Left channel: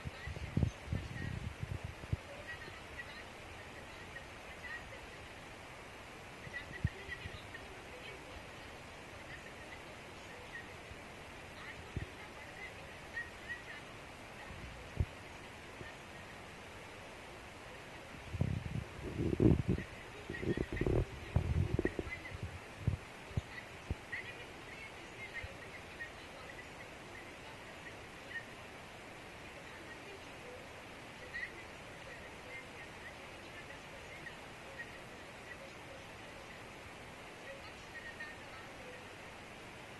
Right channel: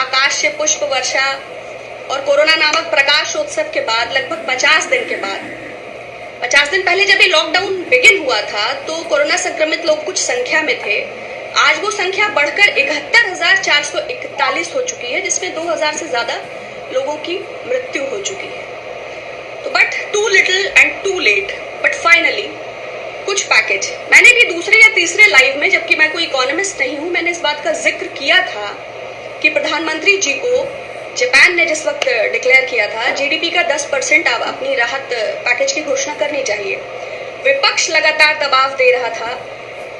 आकाश से पुष्प वर्षा और कोरोना नामक प्रकाशोत्सव के बाद लगभग 50 दिन के बाद, 50 दिन पहले जब ये लॉकडाउन बिगिन हुआ था तो कोरोना संक्रमित लोग कुछ संख्या में थे। आज वो संख्या बढ़कर 71,441 हो चुकी है, जिसमें 2000 से ज्यादा लोगों की मृत्यु हो चुकी है। तो but too little and too late, but finally कुछ पैकेज। मैंने भी दूसरे या तीसरे लाइव में, जबकि मैं कोई इकोनॉमिस्ट नहीं हूं, मैंने इस बात का जिक्र किया था कि प्रधानमंत्री जी को जापान ने जिस वक्त डिक्लेयर किया था जीडीपी का 10% अपनी राहत पैकेज की घोषणा करनी चाहिए। विपक्ष लगातार दबाव दे रहा था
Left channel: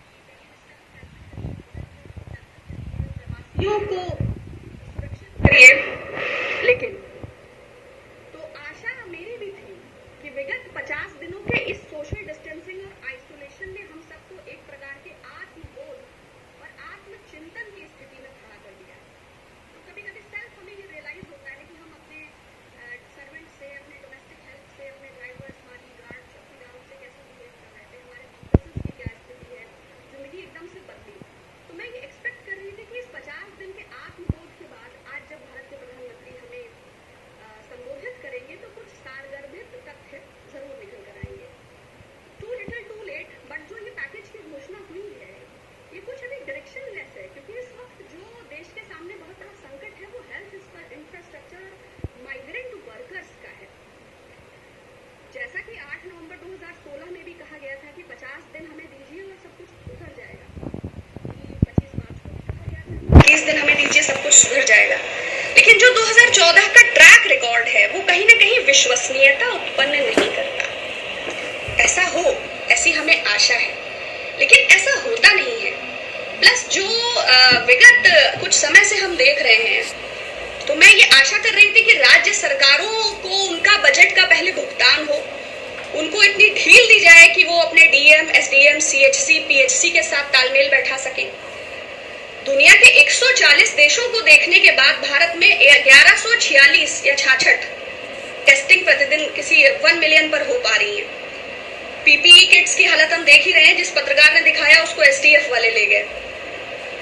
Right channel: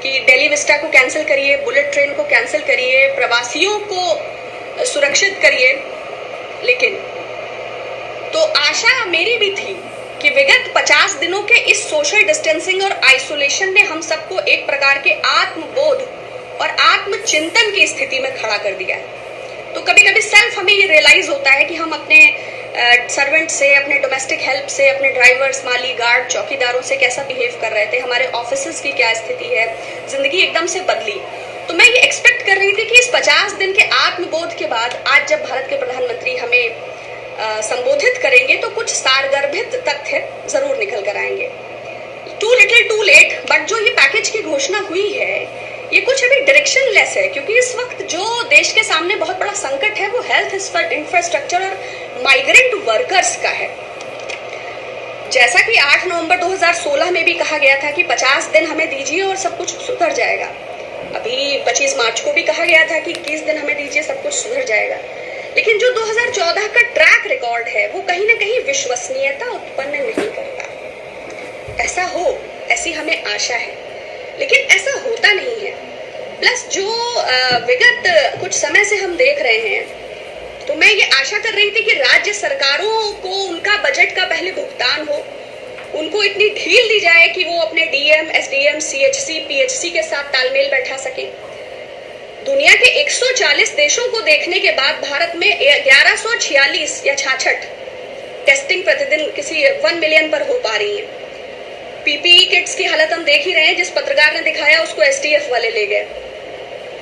कि दिल्ली विस्टा को कैंसिल करिए, बुलेट ट्रेन को कैंसिल करिए, प्रवासियों को सुरक्षित करिए। लेकिन तो आशा मेरी भी थी कि विगत 50 दिनों के इस सोशल डिस्टेंसिंग और आइसोलेशन ने हम सबको एक प्रकार के आत्मबोध और आत्मचिंतन की स्थिति में खड़ा कर दिया है। तो कभी कभी सेल्फ हमें ये रियलाइज होता है कि हम अपने सर्वेंट से, अपने डोमेस्टिक हेल्प से, अपने ड्राइवर्स, माली, गार्ड, चौकीदारों से कैसा बिहेव कर रहे थे, हमारे ऑफिसेस की क्या स्थिति है, जिंदगी एकदम से बदली। तो मैं ये एक्सपेक्ट कर रही थी कि इस 50 दिन के आत्मबोध के बाद आज जब भारत के प्रधानमंत्री हमें संबोधित करेंगे तो कुछ सारगर्भित तथ्य जरूर निकल कर आएंगे। Too little too late, but जो ये पैकेज की घोषणा हुई है ये कुछ अभी डायरेक्शन लेस है, क्योंकि इस वक्त जो देश के सामने बहुत बड़ा संकट है वो हेल्थ इंफ्रास्ट्रक्चर और माइग्रेंट वर्कर्स का है। जैसा कि 8 नवंबर 2016 में भी कहा गया था कि 50 दिन हमें दीजिए और सब कुछ सुधर जाएगा। अभी 25 मार्च को भी कहा गया था कि 30 दिन हमें दीजिए, सब कुछ सुधर जाएगा। लेकिन जो 2014 का ट्रैक रिकॉर्ड है वो कहीं ना कहीं विश्वसनीयता उत्पन्न नहीं करता। ऐसा हो, ऐसी हमें आशा है, लेकिन ऐसा होता नहीं है। प्लस जो विगत कुछ समय से हम देख रहे हैं, तो मैं ये आशा कर रही थी कि राज्य सरकारों को उनका बजट का पहले भुगतान हो, उनको इतनी ढील दी जाए कि वो अपने डीएम, एसडीएम, सीएचसी, पीएचसी के साथ तालमेल बैठा सकें। दुनिया के 140 देशों को देखने के बाद भारत में 1146 या 66 टेस्टिंग प्रतिदिन किसी 1 मिलियन पर हो पा रही है। पीपीई किट्स की हालत हम देख ही रहे हैं, जिस पत्रकार ने दिखाया उसको एसटीएफ वाले ले गए।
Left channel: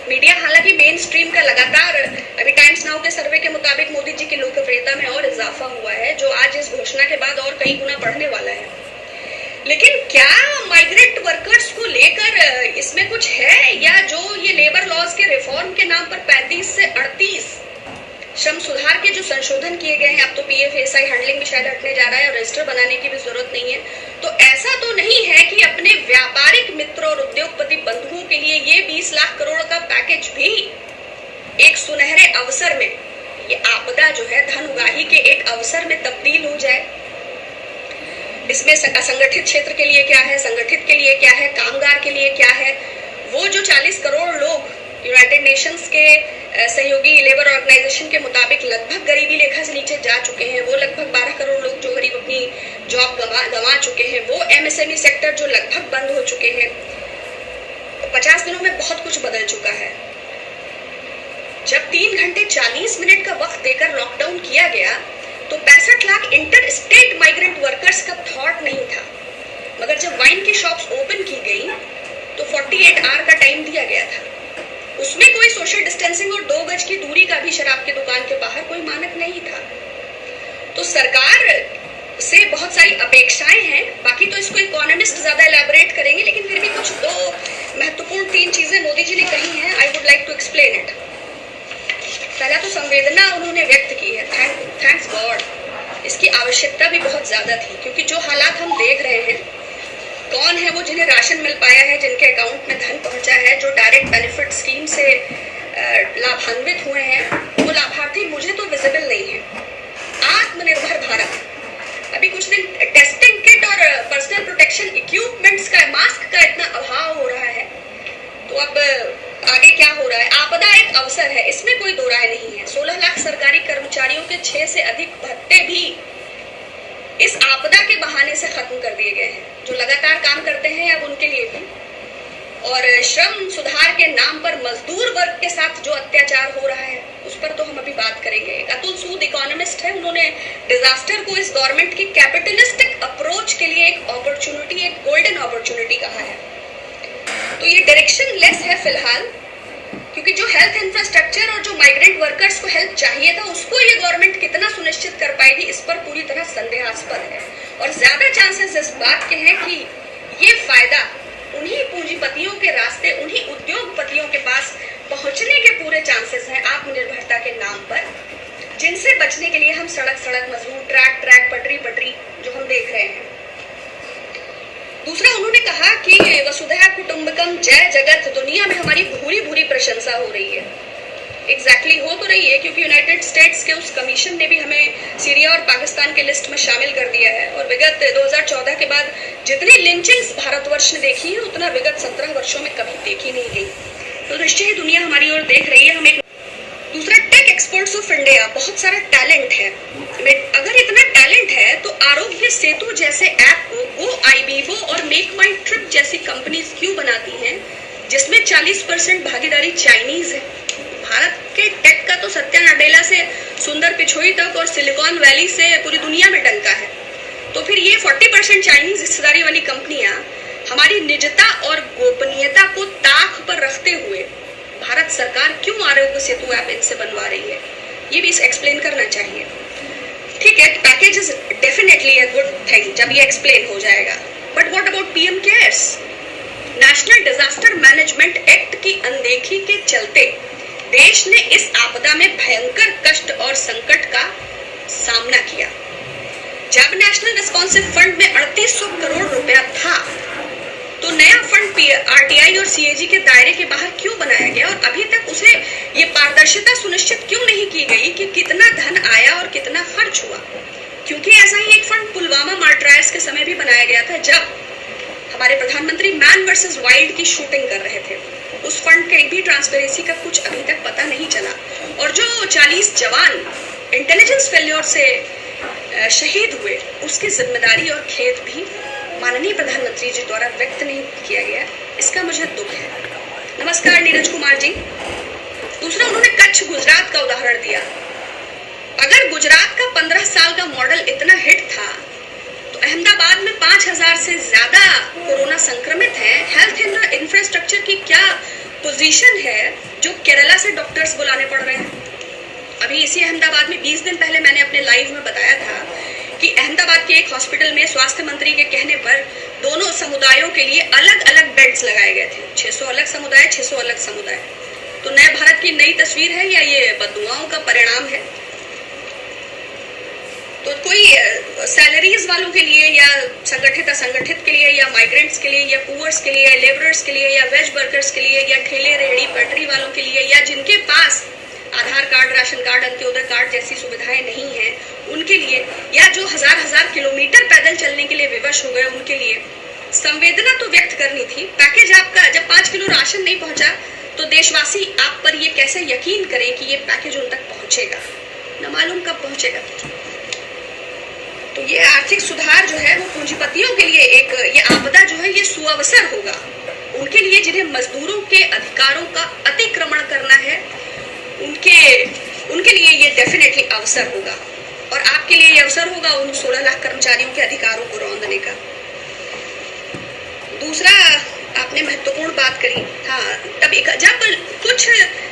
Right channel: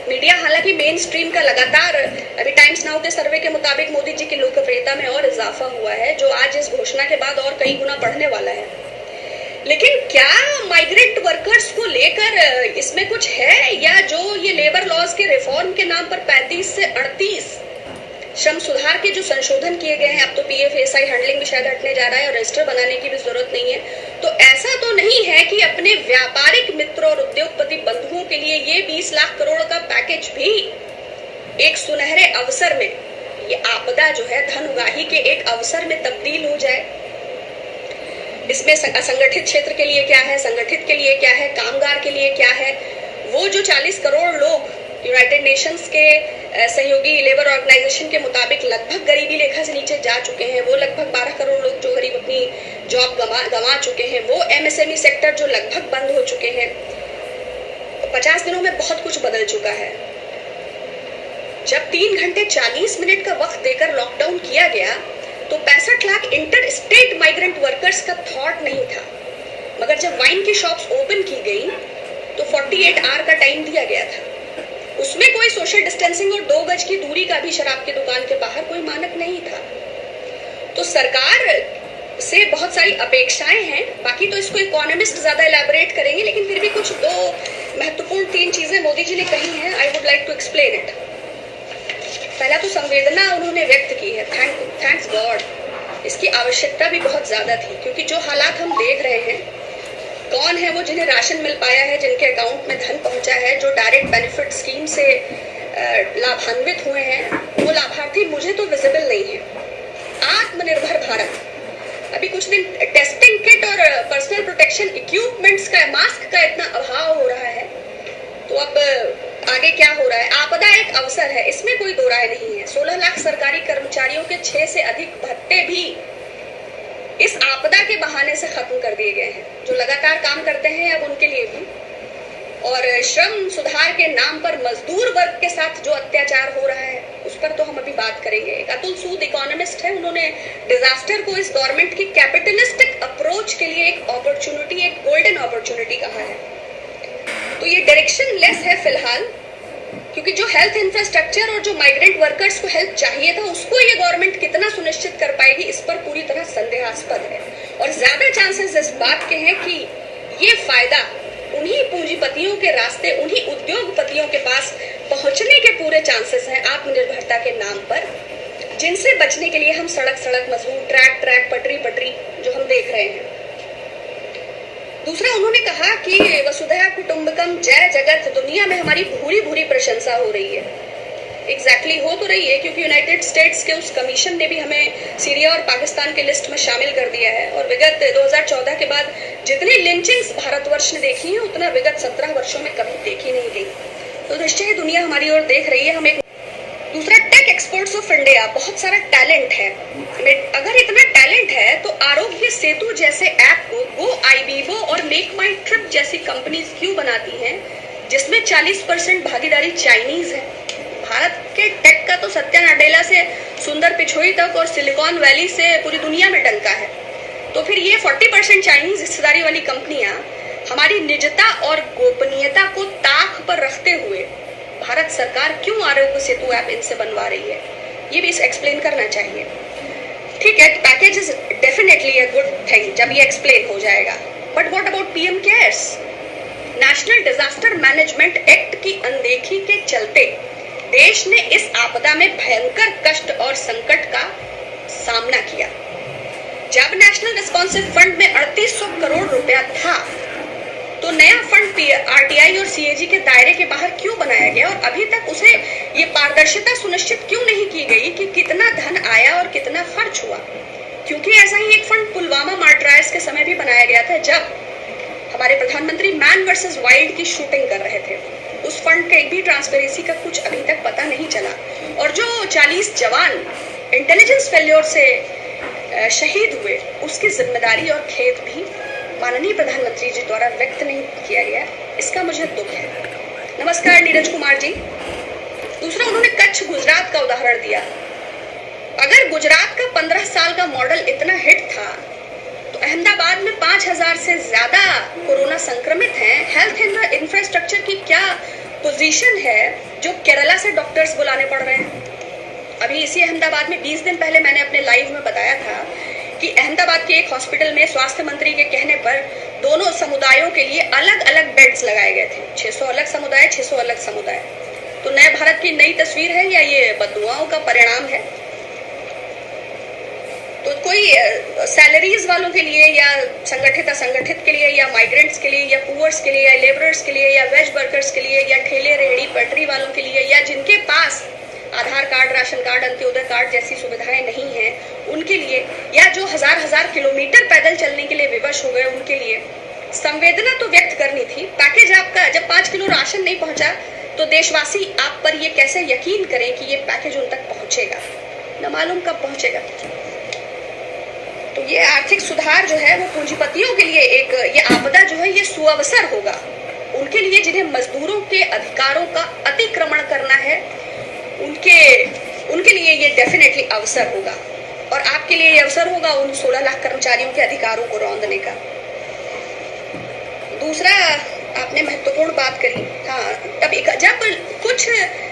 मीडिया हालांकि मेन स्ट्रीम का लगातार, अभी टाइम्स नाउ के सर्वे के मुताबिक मोदी जी की लोकप्रियता में और इजाफा हुआ है, जो आज इस घोषणा के बाद और कई गुना बढ़ने वाला है। लेकिन क्या माइग्रेंट वर्कर्स को लेकर इसमें कुछ है, या जो ये लेबर लॉज के रिफॉर्म के नाम पर 35 से 38 श्रम सुधार के जो संशोधन किए गए हैं, अब तो पीएफएसआई हैंडलिंग भी शायद हटने जा रहा है और रजिस्टर बनाने की भी जरूरत नहीं है। तो ऐसा तो नहीं है कि अपने व्यापारिक मित्रों और उद्योगपति बंधुओं के लिए ये 20 लाख करोड़ का पैकेज भी एक सुनहरे अवसर में, ये आपदा जो है धन उगाही के एक अवसर में तब्दील हो जाए। इसमें असंगठित क्षेत्र के लिए क्या है, संगठित के लिए क्या है, कामगार के लिए क्या है। वो जो 40 करोड़ लोग यूनाइटेड नेशंस के सहयोगी लेबर ऑर्गेनाइजेशन के मुताबिक लगभग गरीबी रेखा से नीचे जा चुके हैं, वो लगभग 12 करोड़ लोग जो करीब अपनी जॉब गंवा चुके हैं, वो एमएसएमई सेक्टर जो लगभग बंद हो चुके हैं। तो 50 दिनों में बहुत कुछ बदल चुका है। जब 3 घंटे 40 मिनट का वक्त देकर लॉकडाउन किया गया तो 65 lakh inter state migrant workers का थॉट नहीं था, मगर जब वाइन की शॉप्स ओपन की गई तो 48 आवर का टाइम दिया गया था। उसमें कोई सोशल डिस्टेंसिंग और 2 गज की दूरी का भी शराब की दुकान के बाहर कोई मानक नहीं था। तो सरकार से बहुत सारी अपेक्षाएं हैं, बाकी तो इसको इकोनॉमिस्ट ज्यादा एलैबोरेट करेंगे, लेकिन फिर भी कुछ 2 महत्वपूर्ण 3 चीजें मोदी जी ने कही हैं। I would like to explain it. पहला तो संवेदना उन्होंने व्यक्त की है, थैंक्स गॉड। इसकी आवश्यकता भी बहुत ज्यादा थी, क्योंकि जो हालात हम देख रहे हैं, कौन है वो जिन्हें राशन मिल पाया है, जिनके अकाउंट में धन पहुंचा है, जो डायरेक्ट बेनिफिट स्कीम से लाभान्वित हुए हैं, वो लाभार्थी मुझे तो विजिबल नहीं है। आत्मनिर्भर भारत, अभी कुछ दिन टेस्टिंग किट और पर्सनल प्रोटेक्शन इक्विपमेंट्स का, मास्क का इतना अभाव हो रहा है, तो अब आगे क्या हो रहा है। आपदा एक अवसर है, इसमें कोई दो राय नहीं है। 16 लाख सरकारी कर्मचारियों के 6 से अधिक भत्ते भी इस आपदा के बहाने से खत्म कर दिए गए हैं। जो लगातार काम करते हैं अब उनके लिए भी, और श्रम सुधार के नाम पर मजदूर वर्ग के साथ जो अत्याचार हो रहा है उस पर तो हम अभी बात करेंगे। अतुल सूद इकोनॉमिस्ट है, उन्होंने डिजास्टर को इस गवर्नमेंट की कैपिटलिस्टिक अप्रोच के लिए एक अपॉर्चुनिटी, एक गोल्डन अपॉर्चुनिटी कहा है। तो ये डायरेक्शन लेस है फिलहाल, क्योंकि जो हेल्थ इंफ्रास्ट्रक्चर और जो माइग्रेंट वर्कर्स को हेल्प चाहिए था उसको ये गवर्नमेंट कितना सुनिश्चित कर पाएगी, इस पर पूरी तरह संदेहास्पद है। और ज्यादा चांसेस इस बात के हैं कि ये फायदा उन्हीं पूंजीपतियों के रास्ते, उन्हीं उद्योगपतियों के पास पहुंचने के पूरे चांसेस हैं आत्मनिर्भरता के नाम पर, जिनसे बचने के लिए हम सड़क सड़क मजदूर, ट्रैक ट्रैक, पटरी पटरी जो हम देख रहे हैं। दूसरा, उन्होंने कहा कि वसुधैव कुटुंबकम जय जगत, दुनिया में हमारी भूरी भूरी प्रशंसा हो रही है। एग्जैक्टली हो तो रही है, क्योंकि यूनाइटेड स्टेट्स के उस कमीशन ने भी हमें सीरिया और पाकिस्तान के लिस्ट में शामिल कर दिया है। और विगत 2014 के बाद जितनी लिंचिंग्स भारतवर्ष ने देखी है उतना विगत 17 वर्षों में कभी देखी नहीं गई। तो निश्चय ही दुनिया हमारी ओर देख रही है। हम एक दूसरा, टेक एक्सपर्ट्स ऑफ इंडिया, बहुत सारा टैलेंट है। अगर इतना टैलेंट है तो आरोग्य सेतु जैसे ऐप को गो आईबीबो और मेक माई ट्रिप जैसी कंपनीज क्यों बनाती हैं, जिसमें 40% भागीदारी चाइनीज है। भारत के टेक का तो सत्या नडेला से सुंदर पिछोई तक और सिलिकॉन वैली से पूरी दुनिया में डंका है। तो फिर ये 40% चाइनीज हिस्सेदारी वाली कंपनियां हमारी निजता और गोपनीयता को ताक पर रखते हुए भारत सरकार क्यों आरोग्य सेतु ऐप इनसे बनवा रही है, ये भी एक्सप्लेन करना चाहिए। ठीक है, package is definitely a good thing जब ये एक्सप्लेन हो जाएगा, but what about PM cares? National disaster management act की अनदेखी के चलते देश ने इस आपदा में भयंकर कष्ट और संकट का सामना किया। जब नेशनल रिस्पॉन्सिव फंड में 3800 करोड़ रुपया था तो नया फंड आरटीआई और सीएजी के दायरे के बाहर क्यों बनाया गया, और अभी तक उसे ये पारदर्शिता सुनिश्चित क्यों नहीं की गई कि कितना धन आया और कितना खर्च हुआ? क्योंकि ऐसा ही एक फंड पुलवामा मार्टरायर्स के समय भी बनाया गया था, जब हमारे प्रधानमंत्री मैन वर्सेस वाइल्ड की शूटिंग कर रहे थे। उस फंड के भी ट्रांसपेरेंसी का कुछ अभी तक पता नहीं चला। और जो 40 जवान इंटेलिजेंस फेल्योर से शहीद हुए, उसकी जिम्मेदारी और खेद भी माननीय प्रधानमंत्री जी द्वारा व्यक्त नहीं किया गया, इसका मुझे दुख है। नमस्कार नीरज कुमार जी। दूसरा, उन्होंने कच्छ गुजरात का उदाहरण दिया। अगर गुजरात का 15 साल का मॉडल इतना हिट था तो अहमदाबाद में 5000 से ज्यादा कोरोना संक्रमित हैं। हेल्थ इंफ्रास्ट्रक्चर की क्या पोजीशन है जो केरला से डॉक्टर्स बुलाने पड़ रहे हैं? अभी इसी अहमदाबाद में 20 दिन पहले मैंने अपने लाइव में बताया था कि अहमदाबाद के एक हॉस्पिटल में स्वास्थ्य मंत्री के कहने पर दोनों समुदायों के लिए अलग अलग बेड्स लगाए गए थे। 600 अलग समुदाय, 600 अलग समुदाय। तो नए भारत की नई तस्वीर है या ये बददुआओं का परिणाम है? तो कोई सैलरीज वालों के लिए या संगठित असंगठित के लिए या माइग्रेंट्स के लिए या पुअर्स के लिए या लेबरर्स के लिए या वेज वर्कर्स के लिए या ठेले रेहड़ी पटरी वालों के लिए या जिनके पास Aadhaar card, ration card, Antyodaya card जैसी सुविधाएं नहीं हैं उनके लिए, या जो हजार किलोमीटर पैदल चलने के लिए विवश हो गए उनके लिए संवेदना तो व्यक्त करनी थी। पैकेज आपका जब 5 किलो राशन नहीं पहुंचा तो देशवासी आप पर ये कैसे यकीन करें कि ये पैकेज उन तक पहुंचेगा? न मालूम कब पहुंचेगा। तो ये आर्थिक सुधार जो है वो पूंजीपतियों के लिए एक, ये आपदा जो है ये सुअवसर होगा उनके लिए जिन्हें मजदूरों के अधिकारों का अतिक्रमण करना है, उनके लिए ये डेफिनेटली अवसर होगा। और आपके लिए ये अवसर होगा उन 16 लाख कर्मचारियों के अधिकारों को रौंदने का। दूसरा, आपने महत्वपूर्ण बात करी। हाँ, तब जब कुछ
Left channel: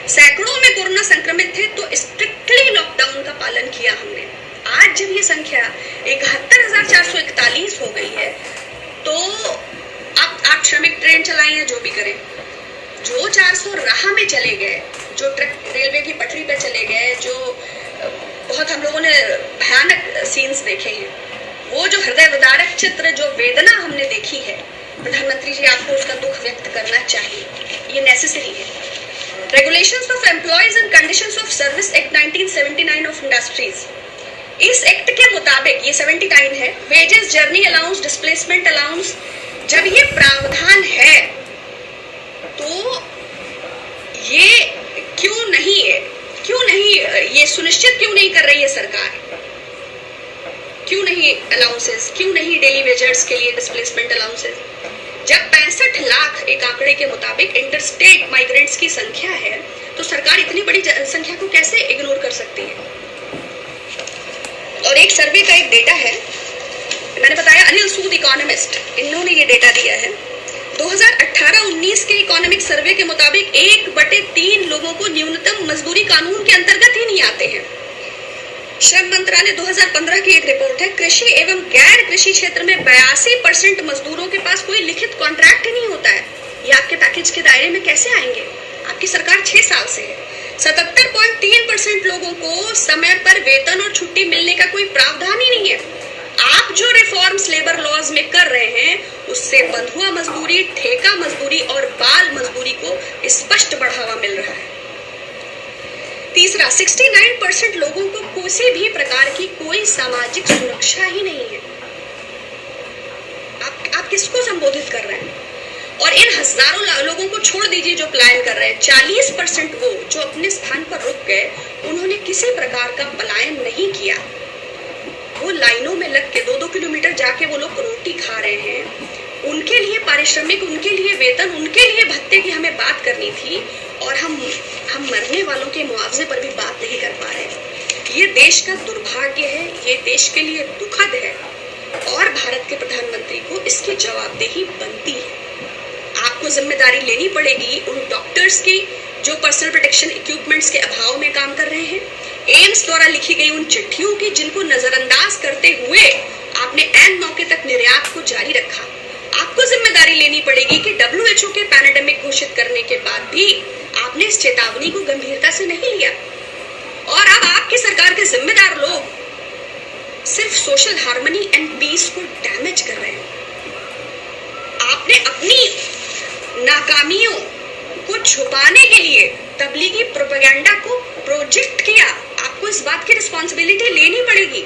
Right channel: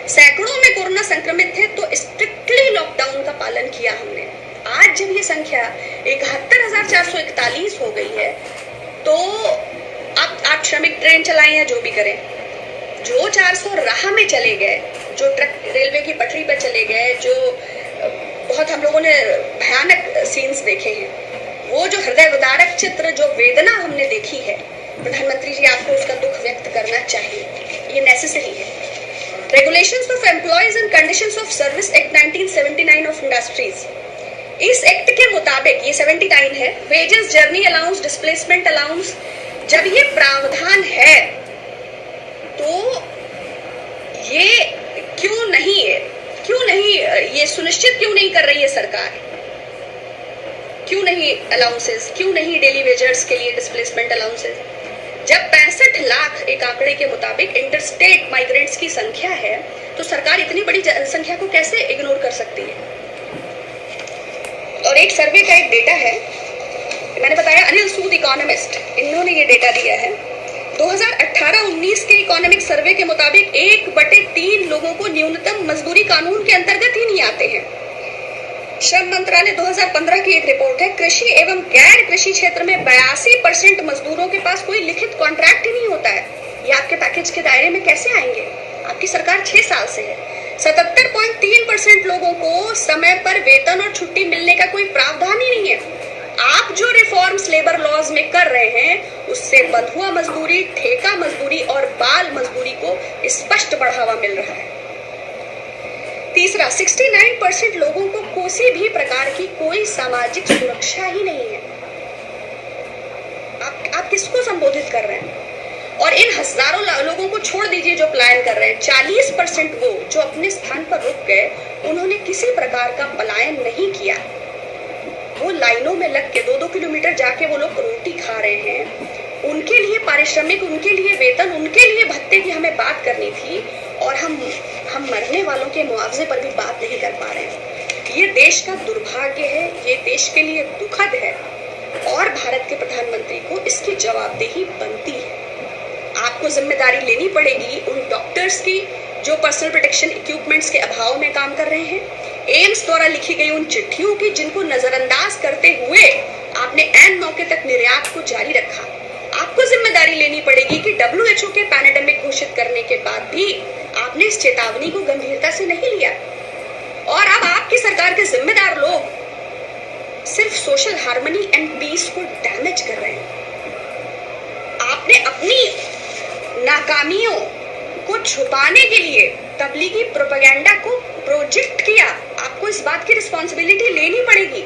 सैकड़ों में कोरोना संक्रमित थे तो स्ट्रिक्टली लॉकडाउन का पालन किया हमने। आज जब ये संख्या 71,441 हो गई है तो आप श्रमिक ट्रेन चलाएं या जो भी करें, जो 400 राह में चले गए, जो ट्रक रेलवे की पटरी पे चले गए, जो बहुत हम लोगों ने भयानक सीन्स देखे हैं, वो जो हृदय विदारक चित्र, जो वेदना हमने देखी है, प्रधानमंत्री जी आपको उसका दुख व्यक्त करना चाहिए। ये नेसेसरी है। Regulations of employees and conditions of service act 1979 of industries, इस एक्ट के मुताबिक ये 79 है, wages, journey allowance, displacement allowance, जब ये प्रावधान है तो ये क्यों नहीं ये सुनिश्चित क्यों नहीं कर रही है सरकार? क्यों नहीं अलाउंसेस, क्यों नहीं डेली वेजर्स के लिए डिस्प्लेसमेंट अलाउंसेस? जब 65 लाख एक आंकड़े के मुताबिक इंटरस्टेट माइग्रेंट्स की संख्या है तो सरकार इतनी बड़ी संख्या को कैसे इग्नोर कर सकती है? और एक सर्वे का एक डेटा है, मैंने बताया अनिल सूद इकोनॉमिस्ट, इन्होंने ये डेटा दिया है। 2018-19 के इकोनॉमिक सर्वे के मुताबिक 1/3 लोगों को न्यूनतम मजदूरी कानून के अंतर्गत ही नहीं आते हैं। श्रम मंत्रालय 2015 की एक रिपोर्ट है, कृषि एवं गैर कृषि क्षेत्र में 82% मजदूरों के पास कोई लिखित कॉन्ट्रैक्ट ही नहीं होता है। ये आपके पैकेज के दायरे में कैसे आएंगे? आपकी सरकार 6 साल से है। 77.3% लोगों को समय पर वेतन और छुट्टी मिलने का कोई प्रावधान ही नहीं है। आप जो रिफॉर्म्स लेबर लॉज में कर रहे हैं उससे बंधुआ मजदूरी, ठेका मजदूरी और बाल मजदूरी को स्पष्ट बढ़ावा मिल रहा है। तीसरा, 69% लोगों को किसी भी प्रकार की कोई सामाजिक सुरक्षा ही नहीं है। आप किसको संबोधित कर रहे हैं? और इन हजारों लोगों को छोड़ दीजिए जो पलायन कर रहे हैं, 40% वो जो अपने स्थान पर रुक गए, उन्होंने किसी प्रकार का पलायन नहीं किया। वो लाइनों में लग के 2-2 किलोमीटर जाके वो लोग रोटी खा रहे हैं। उनके लिए पारिश्रमिक, उनके लिए वेतन, उनके लिए भत्ते की हमें बात करनी थी और हम मरने वालों के मुआवजे पर भी बात नहीं कर पा रहे हैं। ये देश का दुर्भाग्य है, ये देश के लिए दुखद है और भारत के प्रधानमंत्री को इसकी जवाबदेही बनती है। आपको जिम्मेदारी लेनी पड़ेगी उन डॉक्टर्स की जो पर्सनल प्रोटेक्शन इक्विपमेंट्स के अभाव में काम कर रहे हैं, एम्स द्वारा लिखी गई उन चिट्ठियों की जिनको नजरअंदाज करते हुए आपने ऐन मौके तक निर्यात को जारी रखा। आपको जिम्मेदारी लेनी पड़ेगी कि WHO के पैंडेमिक घोषित करने के बाद भी आपने इस चेतावनी को गंभीरता से नहीं लिया। और अब आपकी सरकार के जिम्मेदार लोग सिर्फ सोशल हार्मनी एंड पीस को डैमेज कर रहे हैं। आपने अपनी नाकामियों को छुपाने के लिए तबलीगी प्रोपेगेंडा को प्रोजेक्ट किया। आपको इस बात की रिस्पॉन्सिबिलिटी लेनी पड़ेगी।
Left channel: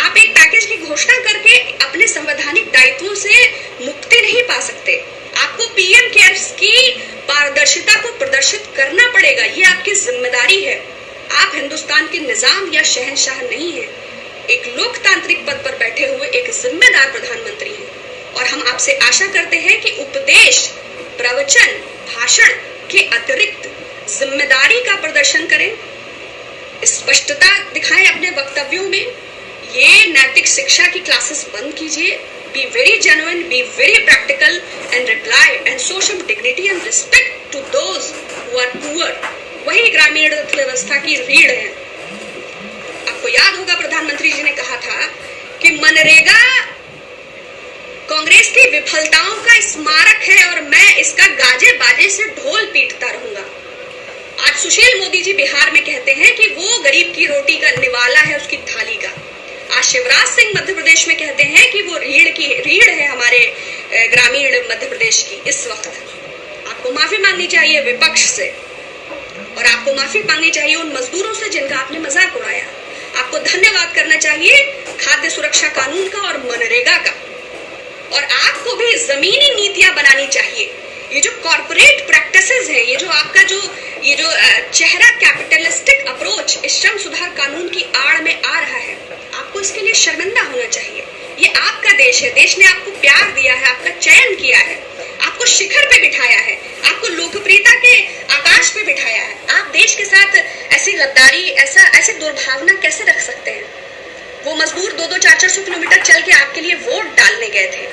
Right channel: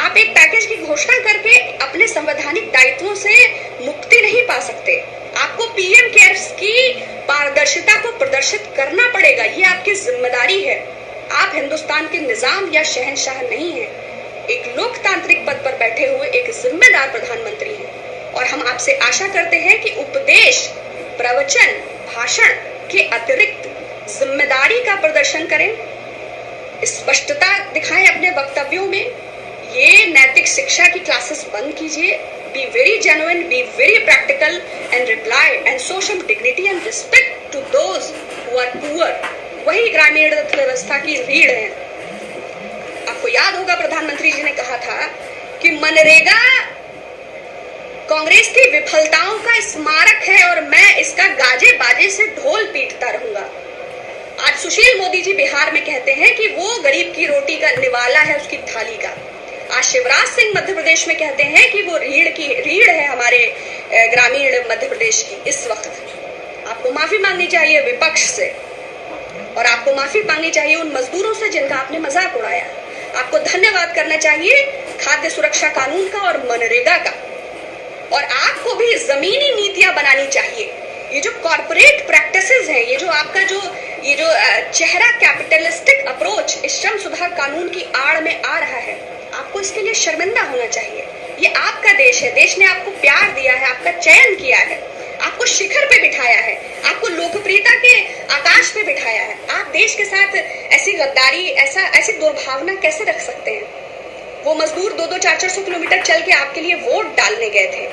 आप एक पैकेज की घोषणा करके अपने संवैधानिक दायित्वों से मुक्ति नहीं पा सकते। आपको पीएम केयर्स की पारदर्शिता को प्रदर्शित करना पड़ेगा। ये आपकी जिम्मेदारी है। आप हिंदुस्तान के निजाम या शहंशाह नहीं है, एक लोकतांत्रिक पद पर बैठे हुए एक जिम्मेदार प्रधानमंत्री हैं। और हम आपसे आशा करते हैं कि उपदेश, प्रवचन, भाषण के अतिरिक्त जिम्मेदारी का प्रदर्शन करें, स्पष्टता दिखाएं अपने वक्तव्यों में। ये नैतिक शिक्षा की क्लासेस बंद कीजिए। Be very genuine, be very practical and reply and show some dignity and respect to those who are poor. वही ग्रामीण अर्थव्यवस्था की रीढ़ है। आपको याद होगा प्रधानमंत्री जी ने कहा था कि मनरेगा कांग्रेस की विफलताओं का स्मारक है और मैं इसका गाजे बाजे से ढोल पीटता रहूंगा। आज सुशील मोदी जी बिहार में कहते हैं कि वो गरीब की रोटी का निवाला है, उसकी थाली का। आज शिवराज सिंह मध्य प्रदेश में कहते हैं कि वो रीढ़ है हमारे ग्रामीण मध्य प्रदेश की। इस वक्त आपको माफी मांगनी चाहिए विपक्ष से और आपको माफी मांगनी चाहिए उन मजदूरों से जिनका आपने मजाक उड़ाया। आपको धन्यवाद करना चाहिए खाद्य सुरक्षा कानून का और मनरेगा का। और आपको भी जमीनी नीतियां बनानी चाहिए। ये जो कॉर्पोरेट प्रैक्टिसेस हैं, ये जो आपका जो चेहरा कैपिटलिस्टिक अप्रोच इस श्रम सुधार कानून की आड़ में आ रहा है, आपको इसके लिए शर्मिंदा होना चाहिए। ये आपका देश है, देश ने आपको प्यार दिया है, आपका चयन किया है, आपको शिखर पे बिठाया है, आपको लोकप्रियता के आकाश पे बिठाया है। आप देश के साथ ऐसी गद्दारी, ऐसी दुर्भावना कैसे रख सकते हैं? वो मजदूर 200-400 किलोमीटर चल के आपके लिए वोट डालने गए थे।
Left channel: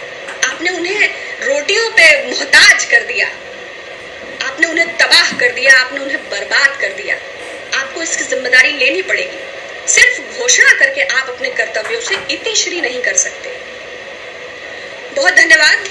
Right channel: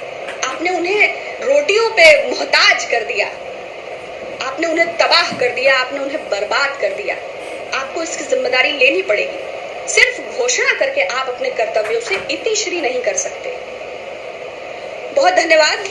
आपने उन्हें रोटियों पे मोहताज कर दिया, आपने उन्हें तबाह कर दिया, आपने उन्हें बर्बाद कर दिया। आपको इसकी जिम्मेदारी लेनी पड़ेगी। सिर्फ घोषणा करके आप अपने कर्तव्यों से इतिश्री नहीं कर सकते। बहुत धन्यवाद।